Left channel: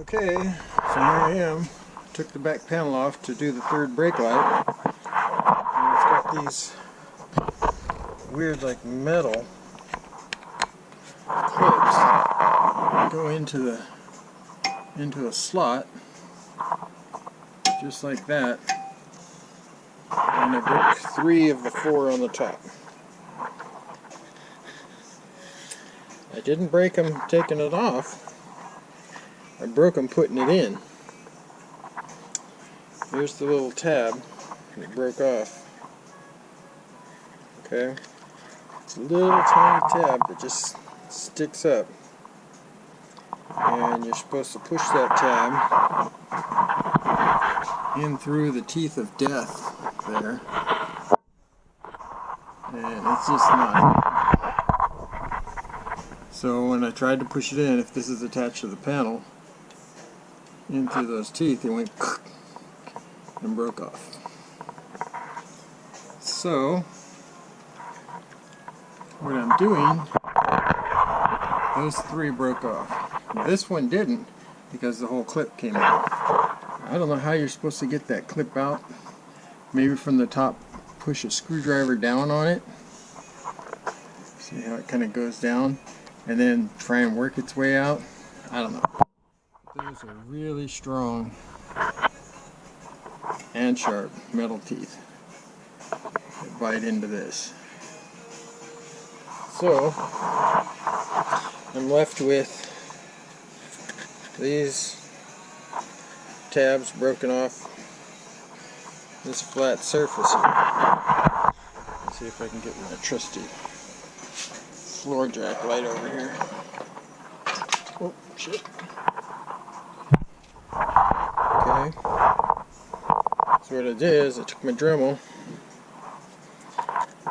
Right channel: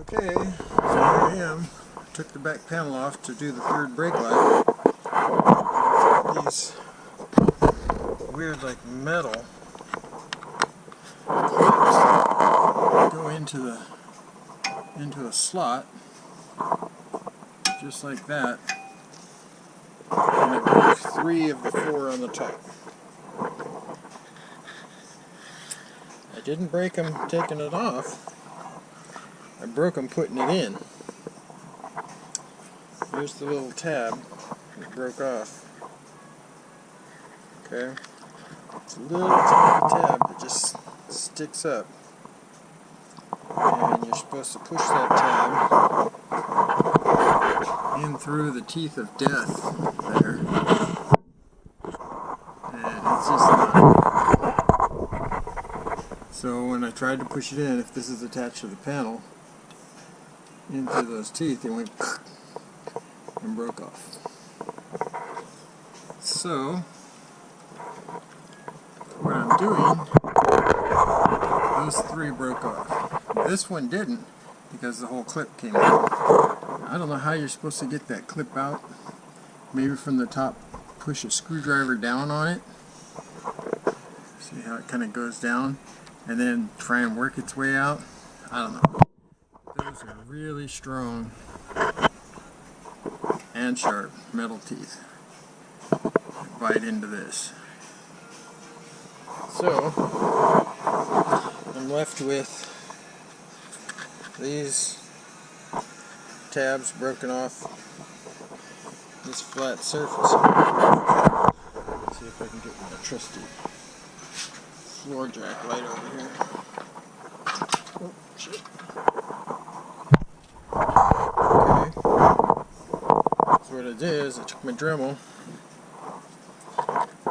Okay, so here I am. I took the back panel off to do the third brake light. And it's got these weird like metal clips that go into a slot just like that. And I broke 3 of the 4 on the top. I didn't break them taking it off. I broke them putting it in. Here's the little tab that broke off. Okay? It's a little tiny tab that just sticks up. And you're supposed to push that tab in through the teeth of death there. And it's just not. So when I tried to push it in, if this is attached to the panel, into those teeth, it went and broke off. So what I'm doing, those 3 broke off. This one didn't because the whole clip came out. I don't know how you're supposed to get that clip out. Maybe from the top, push a screwdriver down on it. See how it kind of goes down, and then try and work its way out. I don't know. Those are really strong and sharp metal teeth that bite into this. So I'm left with these tabs broken off this flat surface here. Let's see if I can get my trusty floor jack light over here. Oh shit. Okay, so what I did is I took my Dremel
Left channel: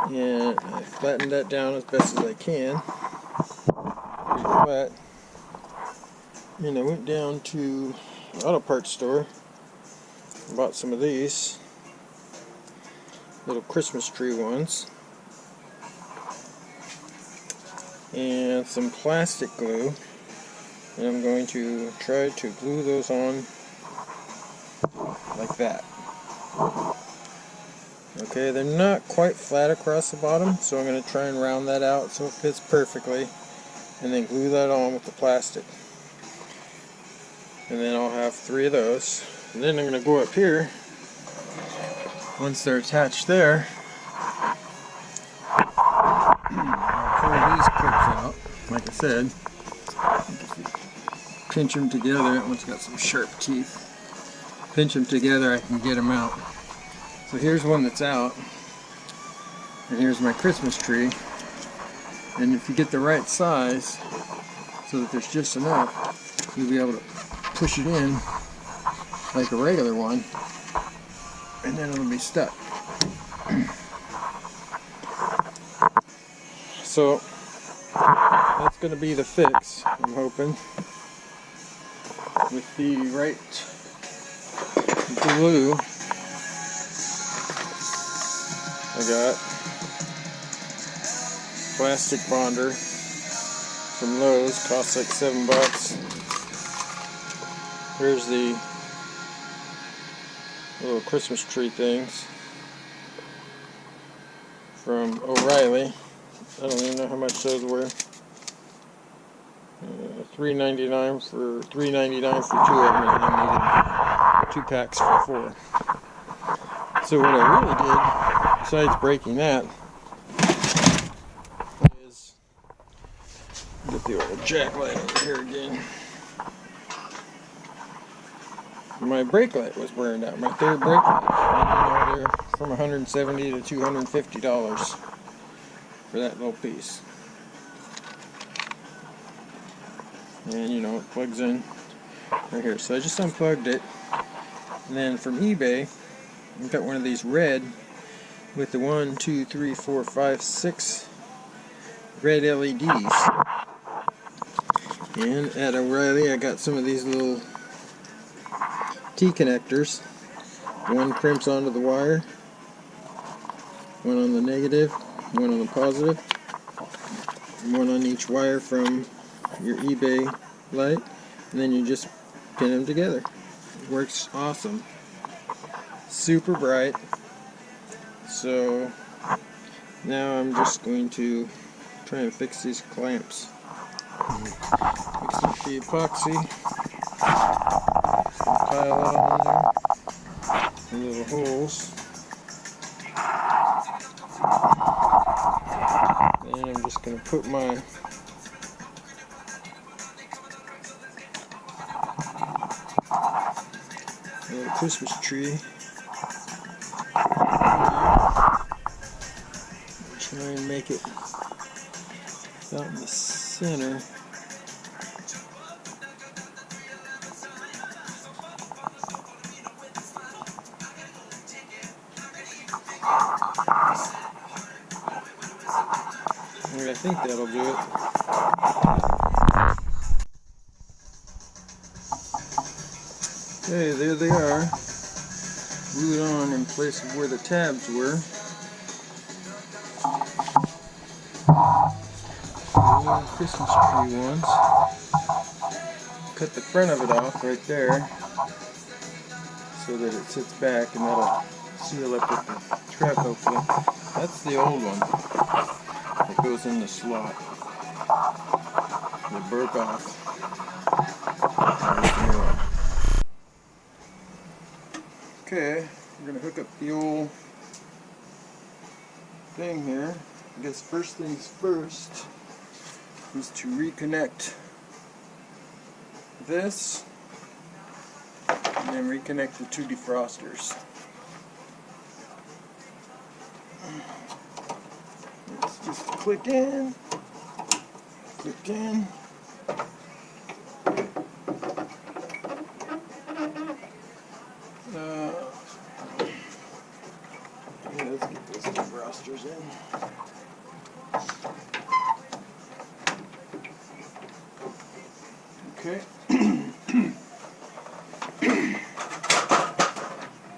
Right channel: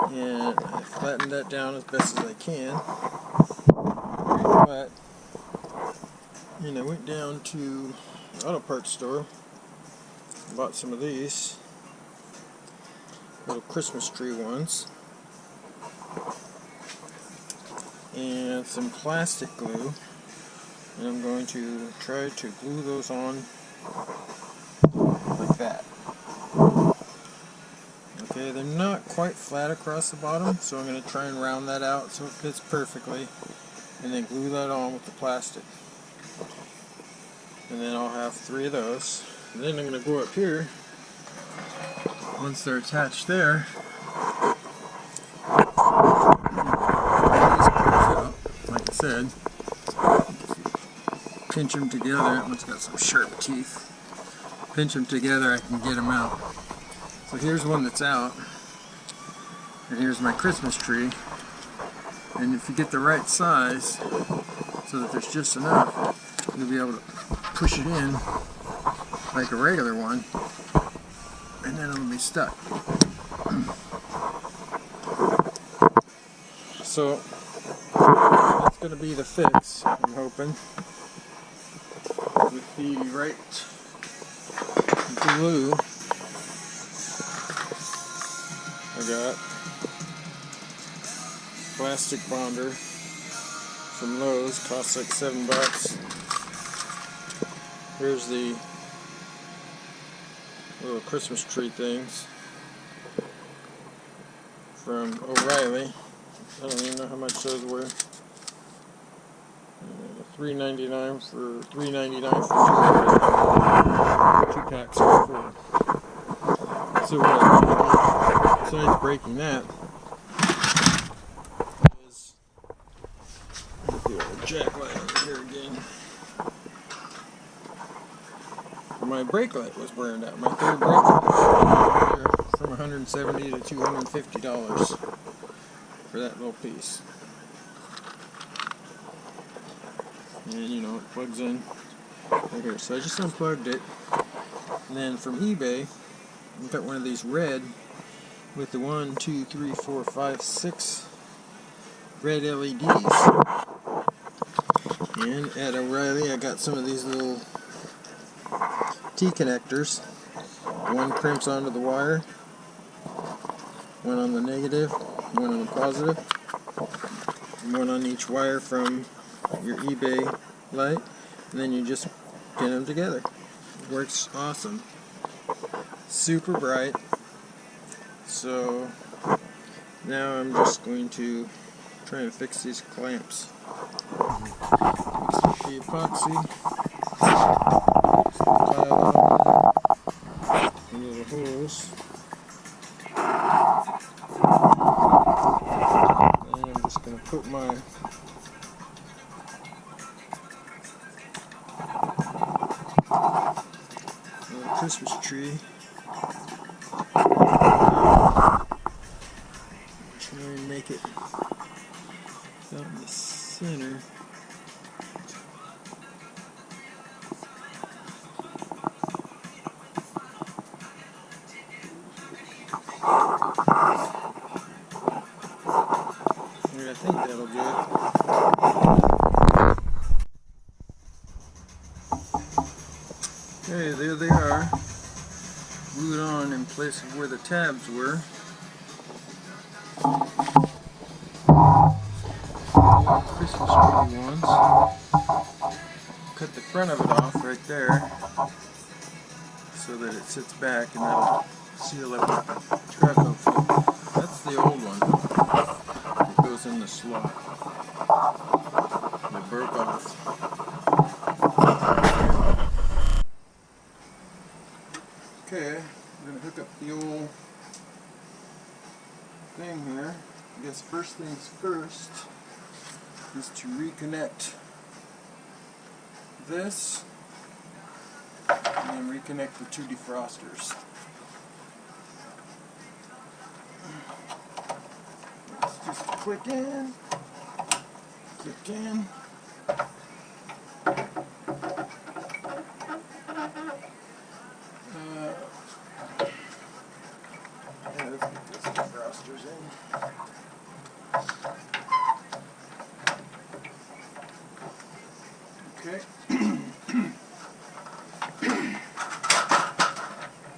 and I flattened that down as best as I can, pretty flat, and I went down to the auto parts store and bought some of these little Christmas tree ones and some plastic glue, and I'm going to try to glue those on like that. Okay, they're not quite flat across the bottom, so I'm going to try and round that out so it fits perfectly, and then glue that on with the plastic. And then I'll have 3 of those. And then I'm going to go up here, once they're attached there, pull these clips out. Like I said, if you pinch them together, that one's got some sharp teeth. Pinch them together, I can get them out. So here's one that's out, and here's my Christmas tree. And if you get the right size, so that there's just enough, you'll be able to push it in like a regular one, and then it'll be stuck. So that's going to be the fix, I'm hoping, with the right glue. I got plastic bonder from Lowe's, costs like $7. Here's the little Christmas tree things from O'Reilly. I don't even know how much those were. $3.99 for 2 of them, and I needed 2 packs for 4. So what I really did, besides breaking that, is get the old jack light over here again. My brake light was burned out, my 3rd brake light. And, they're from $170 to $250 for that little piece. And it plugs in right here. So I just unplugged it. And then from eBay, I got one of these red with the 1, 2, 3, 4, 5, 6 red LEDs. And at O'Reilly, I got some of these little T-connectors. One crimps onto the wire, one on the negative, one on the positive, one on each wire from your eBay light, and then you just pin them together. It works awesome. Super bright. So now I'm just going to try and fix these clamps. Mix up the epoxy. Some tile out in there. The little holes. And I'm just going to put my little Christmas tree. Try and make it about in the center. I think that'll do it. Okay, there they are. Glued on in place of where the tabs were. The little Christmas tree ones. Cut the front of it off right there so that it sits back, and that'll seal up with the truck hopefully. That's the old one that goes in the slot. It broke off. There's the new one. Okay, we're going to hook up the old thing here. I guess first things first is to reconnect this and then reconnect the two defrosters. Let's just click in, click in. Yeah, let's get those defrosters in. Okay.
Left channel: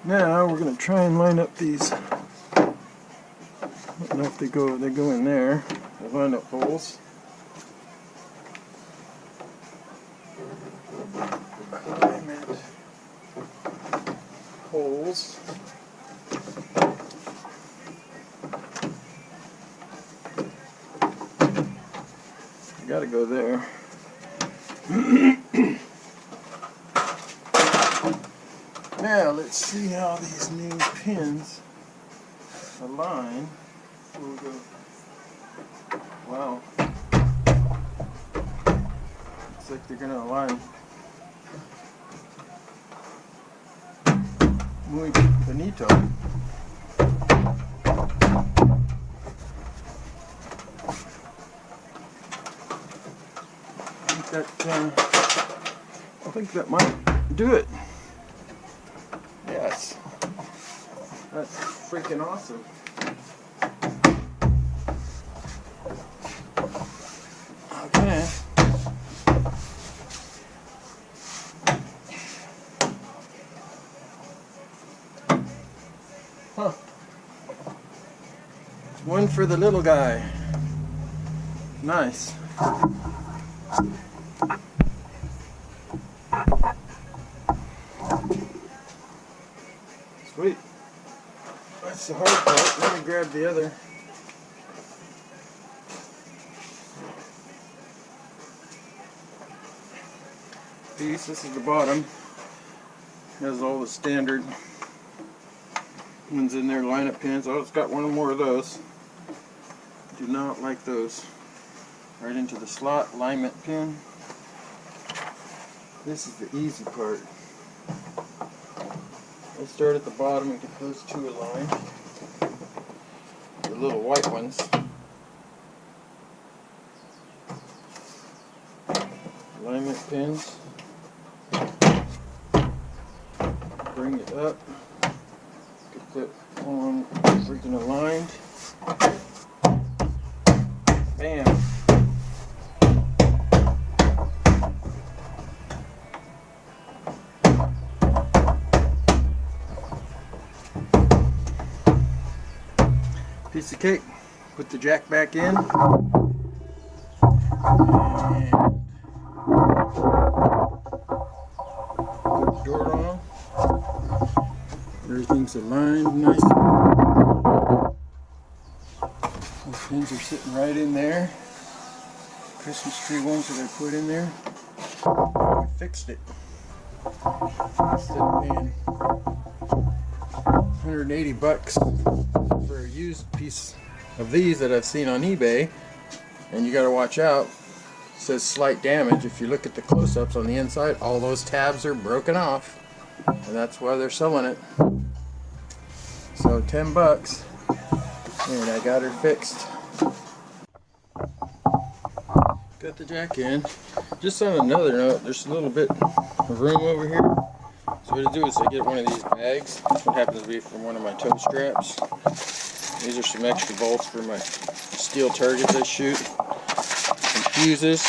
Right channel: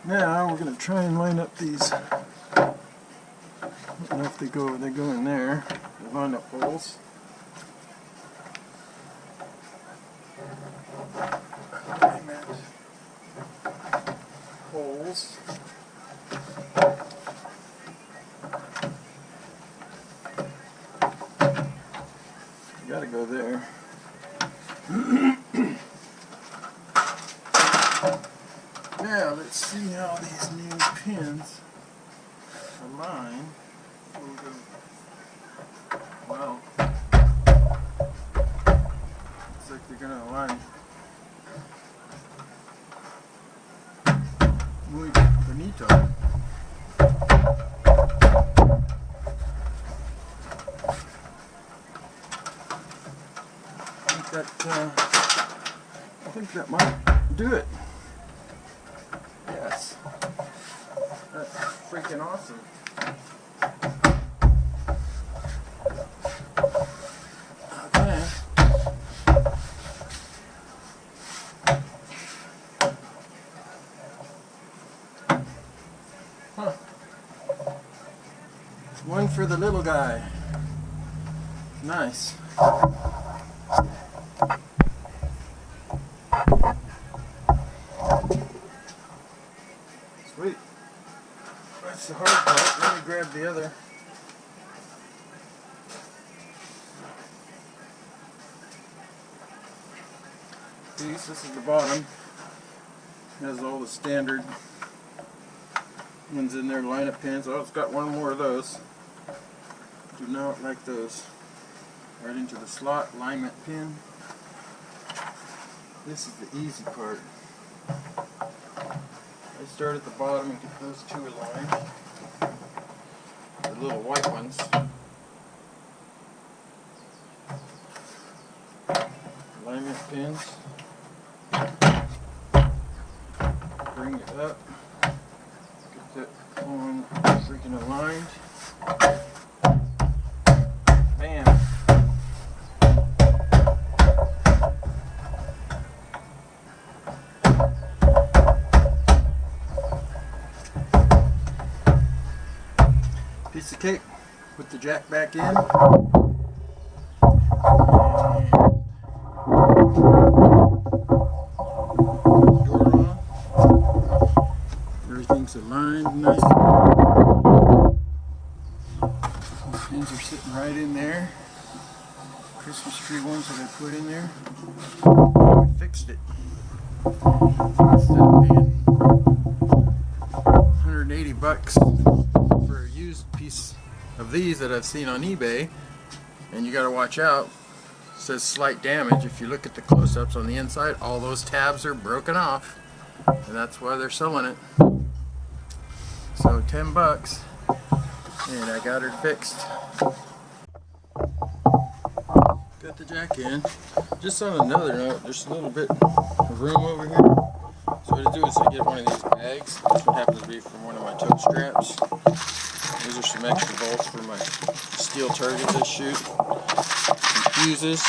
Now we're going to try and line up these. I don't know if they go in there. The line up holes. Alignment holes. You gotta go there. Now let's see how these new pins align before we go. Wow. Looks like they're gonna align muy bonito. I think that might do it. Yes. That's freaking awesome. Okay. Huh. One for the little guy. Nice. Sweet. That's the hard part. Let me grab the other. Piece. This is the bottom. Has all the standard ones in there, line-up pins. Oh, it's got one more of those. Do not like those. Right into the slot, alignment pin. This is the easy part. I start at the bottom and get those two aligned. The little white ones. Alignment pins. Bring it up. Get that one freaking aligned. Bam. Piece of cake. Put the jack back in. Everything's aligned nice. Those pins are sitting right in there. Christmas tree ones that I put in there. We fixed it. Instead of paying 180 bucks for a used piece of these that I've seen on eBay, and you got to watch out. It says slight damage. If you look at the close-ups on the inside, all those tabs are broken off, and that's why they're selling it. So 10 bucks, and I got her fixed. Got the jack in. Just on another note, there's a little bit of room over here. So what I do is I get one of these bags. This one happens to be from one of my toe straps. These are some extra bolts for my steel targets I shoot. Some fuses,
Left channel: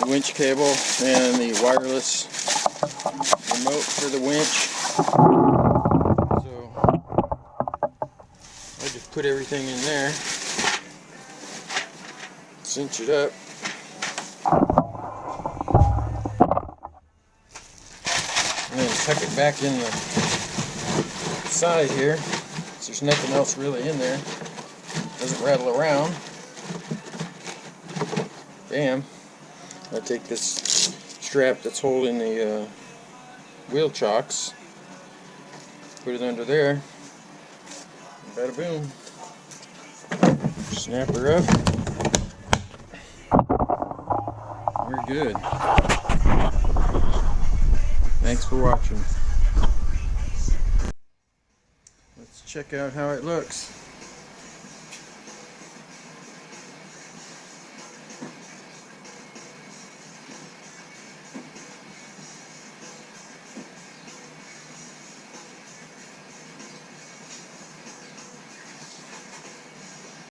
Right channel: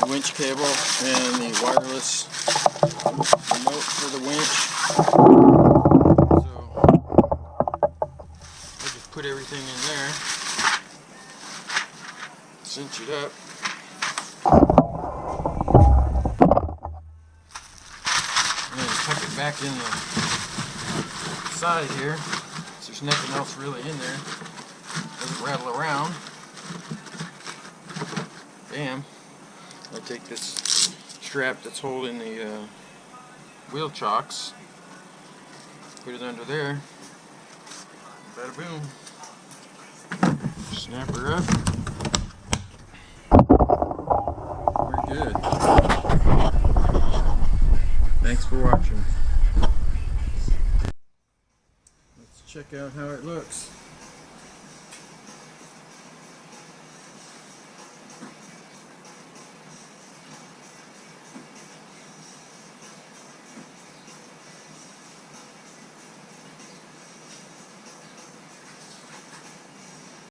the winch cable, and the wireless remote for the winch. So I just put everything in there, cinch it up. And then tuck it back in the side here. So there's nothing else really in there. Doesn't rattle around. Bam. I take this strap that's holding the wheel chocks, put it under there, and bada boom. Snap her up. We're good. Thanks for watching. Let's check out how it looks.